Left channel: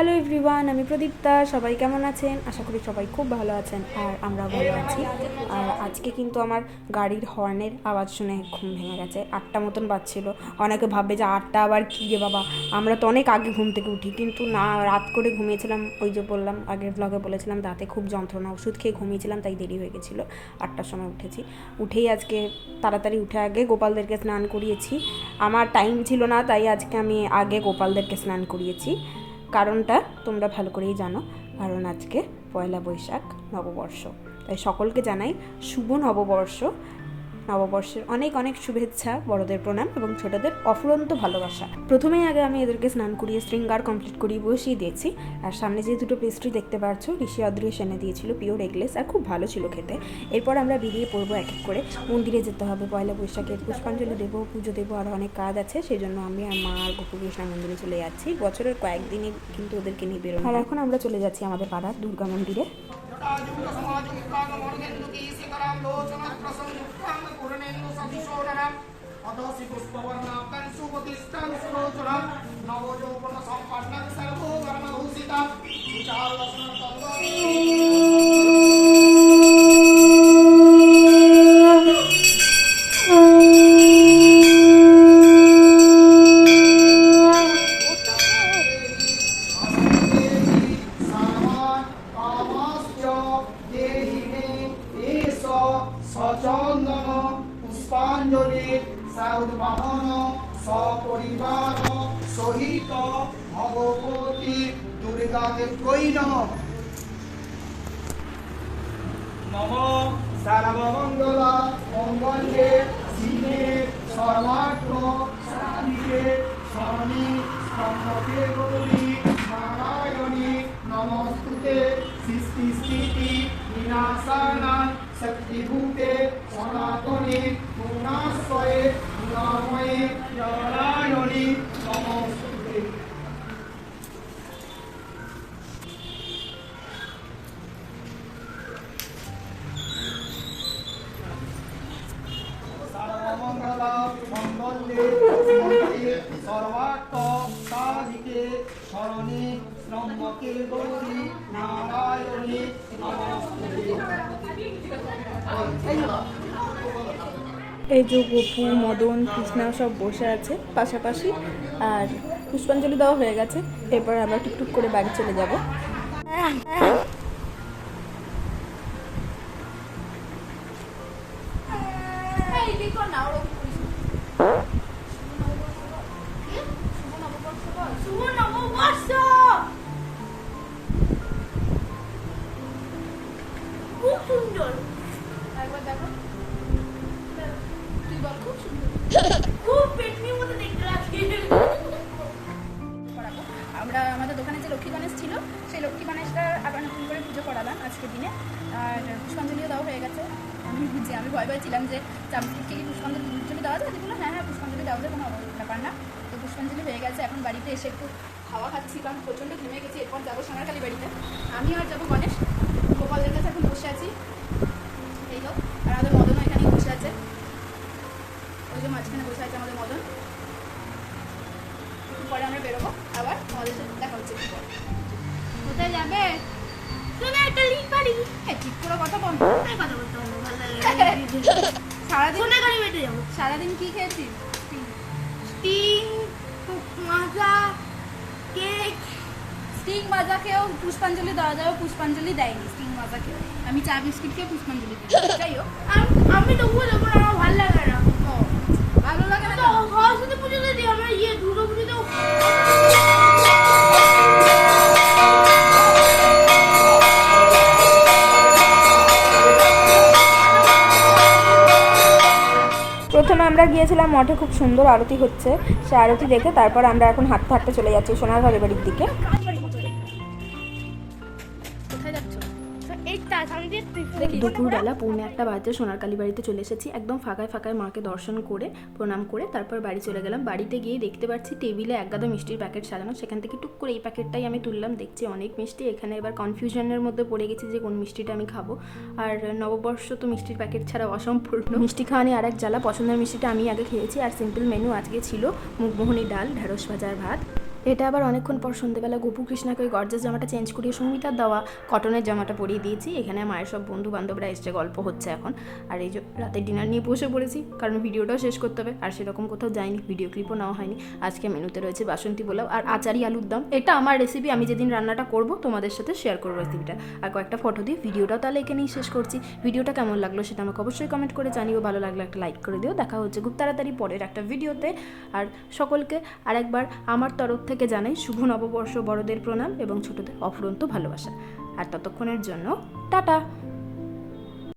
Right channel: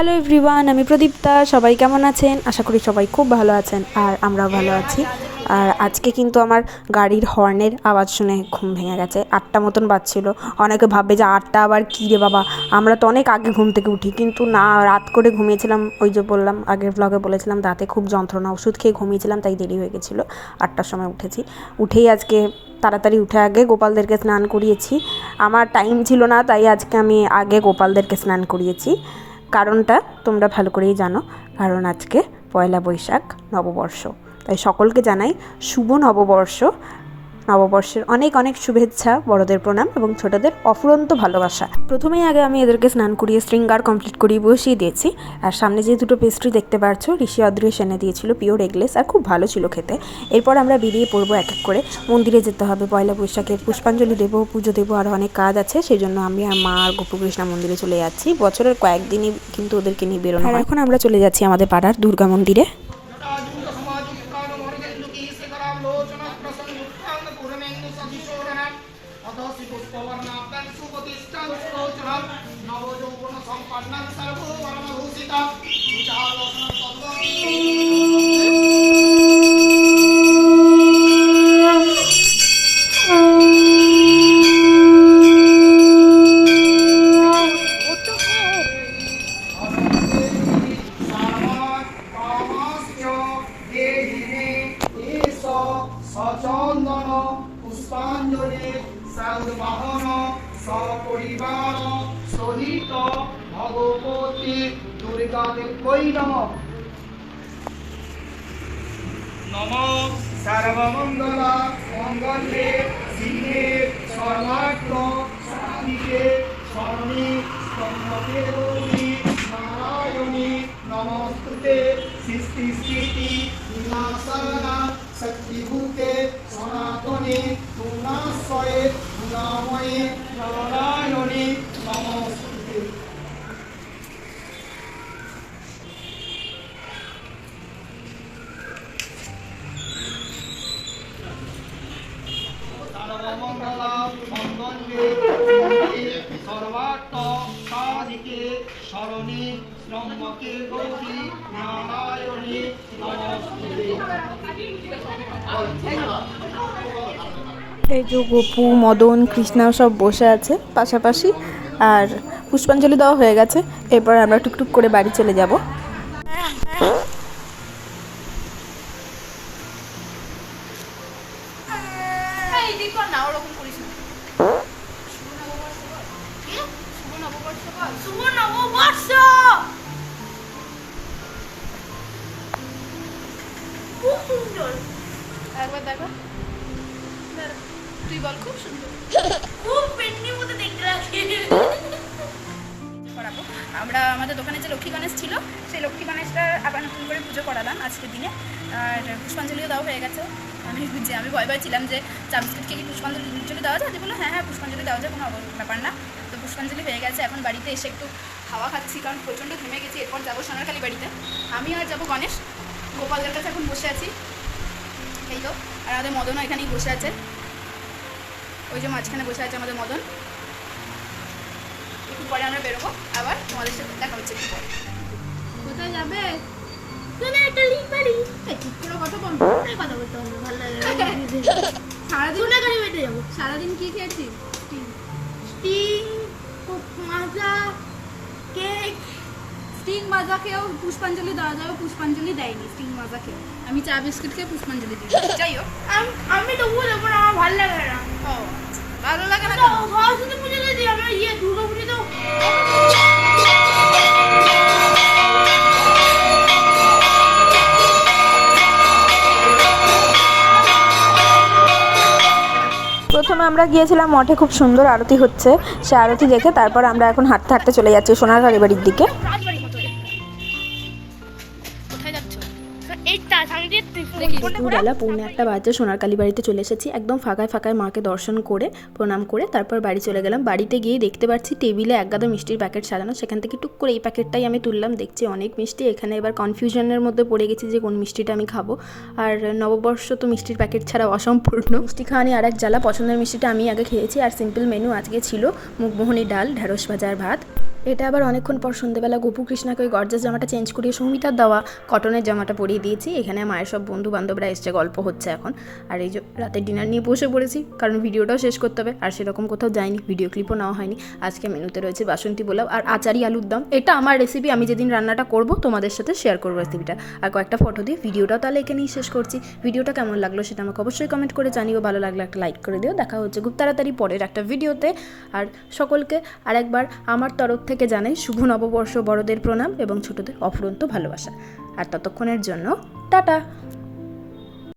Hello everyone, আমি প্রদীপ্তা। সবাই কেমন আছেন? আশা করি সবাই খুব ভালো আছেন, আর আমরাও ভালো আছি। আর আজকে কিন্তু আমার গাড়ির হর্নের আওয়াজ শুনে ঘুম ভেঙে গেছে। 8টা মতন বাজছিল। অনেকে ভাববে যে 8টা আবার কী রে বাবা, আমরা তো অনেক আগে ঘুম থেকে উঠি, কিন্তু না, রাত করে ঘুমিয়েছিলাম। ওই যে বললাম, আগের ব্লগে বলেছিলাম রাতে খুব যন্ত্রণা, ওষুধ খেয়ে ঘুমিয়েছিলাম, তাই দেরি হয়ে গেছিলো। 8টার সময় উঠেছি। উঠেই আজকে তাড়াতাড়ি উঠে আগে গোপালদেরকে স্নান করিয়েছি। আমার টাইম ছিল না, তাই আজকে আমি আগে গোপালদেরকে স্নান করিয়েছি। কারণটা তোমরা ভালো করেই জানো, কারণ আজকে পয়লা বৈশাখ, নববর্ষ। তাই সকলকে জানাই শুভ নববর্ষ। নববর্ষের অনেক অনেক শুভেচ্ছা, বড়দের প্রণাম এবং ছোটদের অফুরন্ত ভালোবাসা। প্রথমেই আগে আমি এদেরকে স্নান করিয়ে শৃঙ্গার কমপ্লিট করিয়ে বসিয়ে দিয়েছি। আর সামনে যে দুটো পেস্ট্রি দেখতে পাচ্ছ, ঋষি অদৃশ এনে দিয়েছিল, পিওর এগলেস, আর খুব ভালো ছিল খেতে। এরপর আমরা বেরিয়ে পড়বো এক এক করে। মন্দিরে যেতে হবে পয়লা বৈশাখের, পুষ্পাঞ্জলি দেবো, পুজো দেবো, আরও অনেক কাজ আছে। সেই জন্য আমি আর মা আর গোপুকৃষ্ণা মন্দিরে চলে যাচ্ছি। বছরের কয়েকদিনই কিন্তু ওদেরকে নিয়ে বেরোনো হয়। এখন আমরা চলে যাচ্ছি আমাদের পাড়ার দুর্গা মন্দিরে। সচন্দন পুষ্পাঞ্জলি সাধুবাহন সপরিবার সহিত ভগবতী দুর্গাদেবৈ নমঃ। নমঃ সর্বমঙ্গলা মঙ্গলে শিবে সর্বার্থ সাধিকে শরণে ত্র্যম্বকে গৌরী নারায়ণী নমস্তুতে। সৃষ্টি স্থিতি বিনাশানা শক্তিভূতে সনাতনে গুণাশ্রয়ে গুণাময়ে নারায়ণী নমস্তুতে। সর্বমঙ্গলা মঙ্গলে শিবে সর্বার্থ সাধিকে শরণে ত্র্যম্বকে গৌরী নারায়ণী নমস্তুতে। এই যে গোপু, মদন, কৃষ্ণা সব বসে আছে পাশাপাশি, আর পুষ্পাঞ্জলি দেওয়া হয়ে গেছে। এরপর আমরা টুকটুক করে বাড়ি চলে যাব। আমরা আমাদের দোকানে যে লক্ষ্মী গণেশ ছিল, সেই লক্ষ্মী গণেশটা আবার নতুন করে পুজো করালাম আজকের দিনে। আর পুষ্পাঞ্জলিও দেওয়া হয়ে গেছে। আমি ভয় ছিলাম যে চা বিস্কুটকে কি পুষ্পাঞ্জলি দেওয়া যায়? বললো হ্যাঁ পুষ্পাঞ্জলি দেওয়া যায়, কোনো ব্যাপার না। তো পুষ্পাঞ্জলি হয়ে গেছে। এখন বাড়িতে এসে একটু হাওয়া খাচ্ছি, কারণ প্রচণ্ড ঘুমে গেছি। এরপর যাবো সোনারখালি বাড়িতে। আমি আর যাবো গণেশ। গোপালদের কাছে এখন বসে আছি, এই তো। আর আমাদের মদনও এখানেই বসে আছে, ওই যে মাঝখানে বসে আছে আমাদের মদন। একটু পরে আমরা বেরোবো, আবার তোমাদের সাথে দেখা হচ্ছে একটু পরে। কোথায় যাবে? ঠিক করে কথা বল, কথা বলতে হবে, ভালো লাগে। সারাদিন সোনাগাড়ি বেটে যাবো। সারাদিন কি খেয়েছিস? স্টিং, মাজা, কেক। স্টিং মাজা খেয়েও পুষ্পাঞ্জলি দেওয়া যাবে, পুষ্পাঞ্জলি দেয়নি স্টিং মাজা খেয়ে। আমি চা বিস্কুট খেয়ে পুষ্পাঞ্জলি দিই। যাই হোক, আমি তো বুঝতে পারবো না, আমার ভালো লাগে না। ও ভালো লাগে না কেন? সরস্বতী পুজো দিদি, আমরা দুর্গা পুজোতেও প্রথমে আমরা গিয়েছিলাম মঠে, খুব সুন্দর আরতি হচ্ছে। সে আরতি দেখে তারপর আমরা এখন হাঁটতে হাঁটতে চলে যাচ্ছি সোনারখালি বাড়ির দিকে। কোথায় যাচ্ছ? দুপুরবেলা 1:45 বাজে সোনারখালি বাড়িতে চলে এসেছি। একদম ফাঁকায় ফাঁকায় মাকে দর্শন করে প্রণাম করে তারপর বাড়ি চলে গেলাম। বাড়িতে গিয়ে দেখতে পাচ্ছি টেবিলে এক গাদা মিষ্টির প্যাকেট সাজানো। সেখান থেকে টুক করে এই প্যাকেটটাই আমি তুললাম। দেখছি অনেক মিষ্টি। এখানে এবার কনফিউশনের মধ্যে পড়ে গেছি যে কোন মিষ্টিটা আমি খাবো। আর নববর্ষ তো মিষ্টির প্যাকেট ছাড়া অসম্পূর্ণ। মিষ্টি খাওয়া নিয়ে আরেক জ্বালা। পছন্দের মিষ্টিটা আমি আগে খেয়েছি। আর সিম্পল মেনু আজকে ছিল মুগমোহনী ডাল, ঢেঁড়স ভাজা আর ভাত। এটা আবার অনেকক্ষণ পর সন্ধ্যেবেলা গোপু কৃষ্ণাকে ওই গর্জাস জামাটা চেঞ্জ করিয়ে সৌমিতার দেওয়া কটনের জামাটা পরিয়ে দিয়েছি। এখানে মায়ের সব বন্ধু বান্ধবরা এসছে, গল্প হচ্ছে এখন। আর এই যে রাতের ডিনার নিয়ে বসে পড়েছি, কারণ ভিডিওটাও শেষ করতে হবে। আর সেরকম কোথাও যায়নি, ভিডিও ক্লিপও নেওয়া হয়নি। আজকে মেনুতে রয়েছে বাসন্তী পোলাও আর আচারি আলুর দম। এটা আমার রেসিপি, আমি যেদিন রান্নাটা করব তোমাদের সাথে শেয়ার করবো রেসিপিটা। আর কয়েকটা ফটো দিয়ে ভিডিওটাও তাহলে এখানেই শেষ করছি। ভিডিওটা কেমন লাগলো সেটা আমাকে অবশ্যই কমেন্ট করে জানিও। ভালো লাগলে একটা লাইক করে দিও। দেখা হচ্ছে খুব তাড়াতাড়ি পরের একটা ভিডিওতে। আর সকলকে আরেকবার আমার তরফ থেকে জানাই শুভ নববর্ষ, বড়দের প্রণাম এবং ছোটদের অফুরন্ত ভালোবাসা। আর ততক্ষণের জন্য টাটা।